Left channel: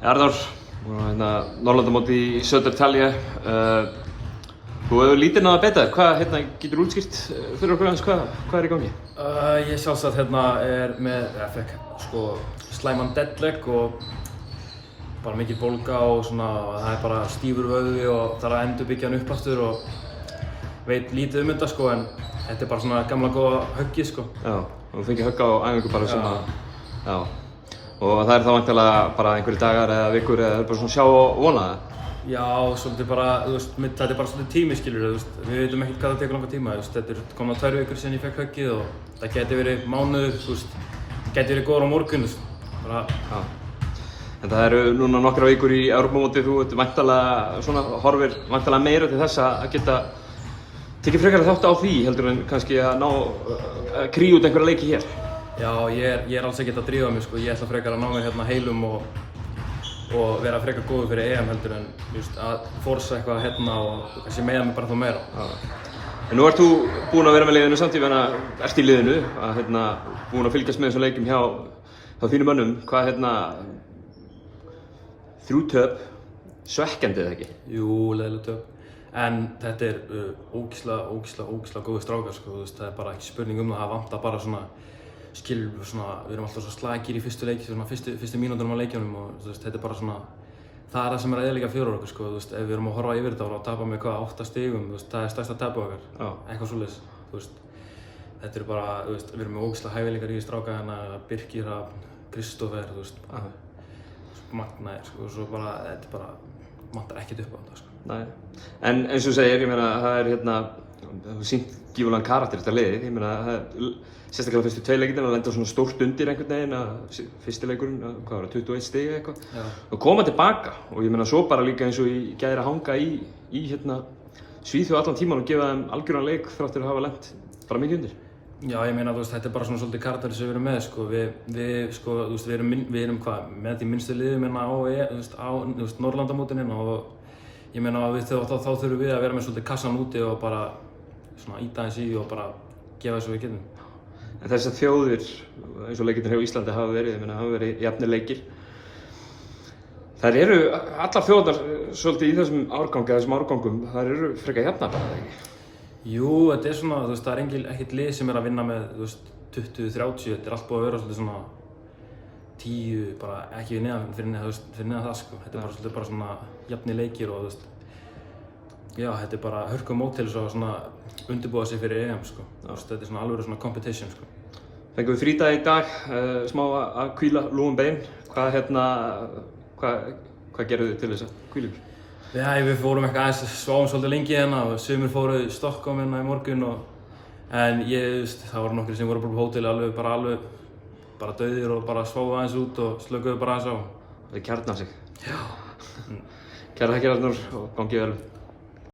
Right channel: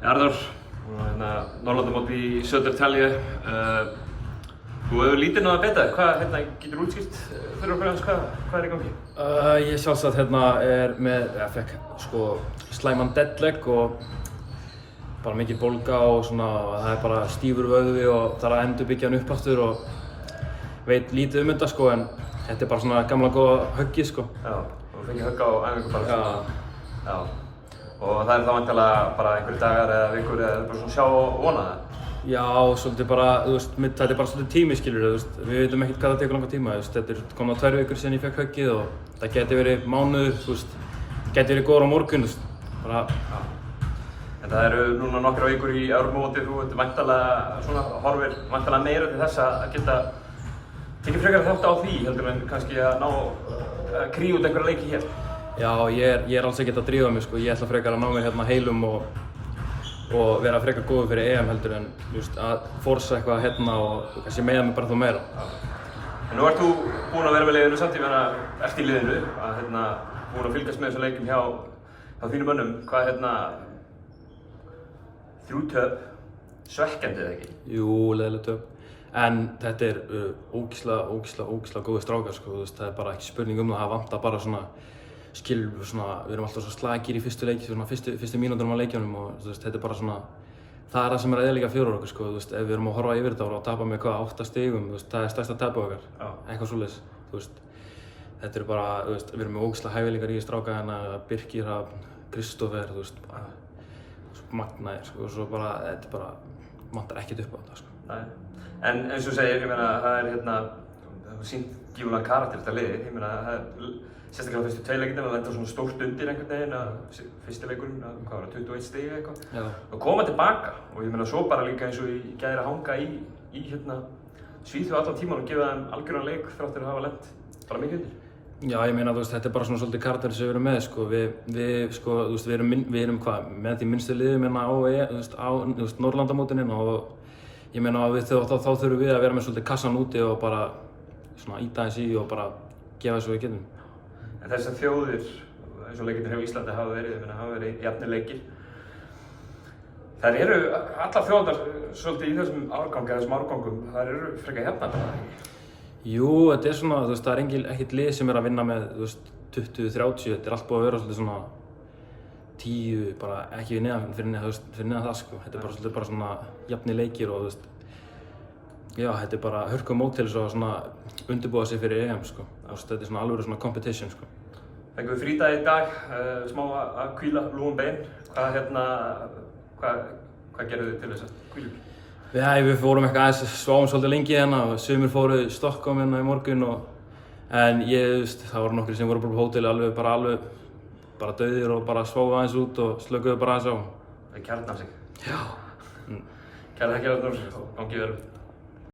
Arnór, Norðurlandamót í Södertälje. Þú hefur lítið náða beta. Hvað getur útskýrt fyrir okkur aðeins hvað í gangi? Ég sjálfsagt fekk slæman deadleg og bara mikið bólga og það bara stífur vöðvi og þarf að endurbyggja hann upp aftur og veit lítið um þetta en þetta bara svona gamla góða höggið Já, og þú fengið högg á æfingu bara Já. Og það þá væntanlega bara einhverjir dagar eða vikur eða bara svona sjá og vona það? Já, svolítið bara, þetta bara svolítið tími skilur, við veitum ekkert hvað það tekur langan tíma, þetta komna 2 vikur síðan ég fekk höggið og það geti verið mánuður, geti verið góður á morgun, bara. En það eru núna nokkra vikur í Evrópumóti, þú horfir væntanlega meira til þess að geta tekið frekar þátt á því heldur en kannski að kríu út einhverja leiki hér. Já, ég alls ekkert að drífa mig, ég ætla frekar að ná mér hérna heilum og vera frekar góður fyrir EM heldur en að forsa eitthvað hérna og kannski meiða mig bara þá meira. En nú ert þú búinn að vera með liðinu samtíð ert í liðinu, búinn að fylgjast með þessum leikjum hjá þínum mönnum. Hvað 3 töp, svekkjandi eða ekki? Jú, leiðileg töp. En þetta ógeðslega góðir strákar, það er bara ekki spurning um það vantar bara við erum alltaf svo slagir í fyrstu leiki, fyrstu mínútunum á leikjunum og þetta er bara það er það sem er að eyðileggja fyrir okkur, ef við erum að horfa yfir þetta og tapa með 8 stigum, það er stærsta tapið okkar, eitthvað svoleiðis, þetta er bara, við erum með ógeðslega hæfileikar í stráka Birkir, Kristófer, magnaðir, og svo bara, þetta bara vantar ekkert upp á þetta, Nei, en eins og segir, það er sýnt gífurlegan karakter þetta liðið, það er sérstaklega fyrstu 2 leikirnir að lenda svona stórt undir einhvern veginn, fyrsti leikurinn, 21 stig eitthvað, og koma tilbaka og svo bara líka eins og ég gæðir að hanga í Svíþjóð allan tíman og gefa þeim algjöran leik þráttur að hafa lent bara mikið undir. Já, ég meina þetta er bara svona svolítið karakter sem við erum með, við erum með því minnstu liðum á Norðurlandamótinu og ég meina þá þurfum við að vera með svolítið kassan úti og bara ýta eins í og bara gefa þess að við getum. En þessar þjóðir, eins og leikirnir hjá Íslandi hafa verið jafnir leikir. Þær eru allar þjóðar svolítið í þessum árgangum, þær eru frekar jafnar bara, ekki? Jú, þetta er það er ekkert lið sem er að vinna með 20-30, þetta er allt búið að vera svolítið 10, bara ekki fyrir neðan það, Þetta er bara jafnir leikir og já, þetta er bara hörkumót til þess að undirbúa sig fyrir EM, Þetta er alveg competition, Fengum við frídag í dag, smá að hvíla lúin bein. Hvað gerðu þið til þess að hvíla? Já, við fórum sváum svolítið lengi og sumir fóru í Stockholm í morgun en það voru nokkrir sem voru bara á hóteli alveg bara dauðir og bara sváðu aðeins út og slökuðu bara aðeins á. Það kjarna sig. Já. Kærlega Arnór og gangi vel.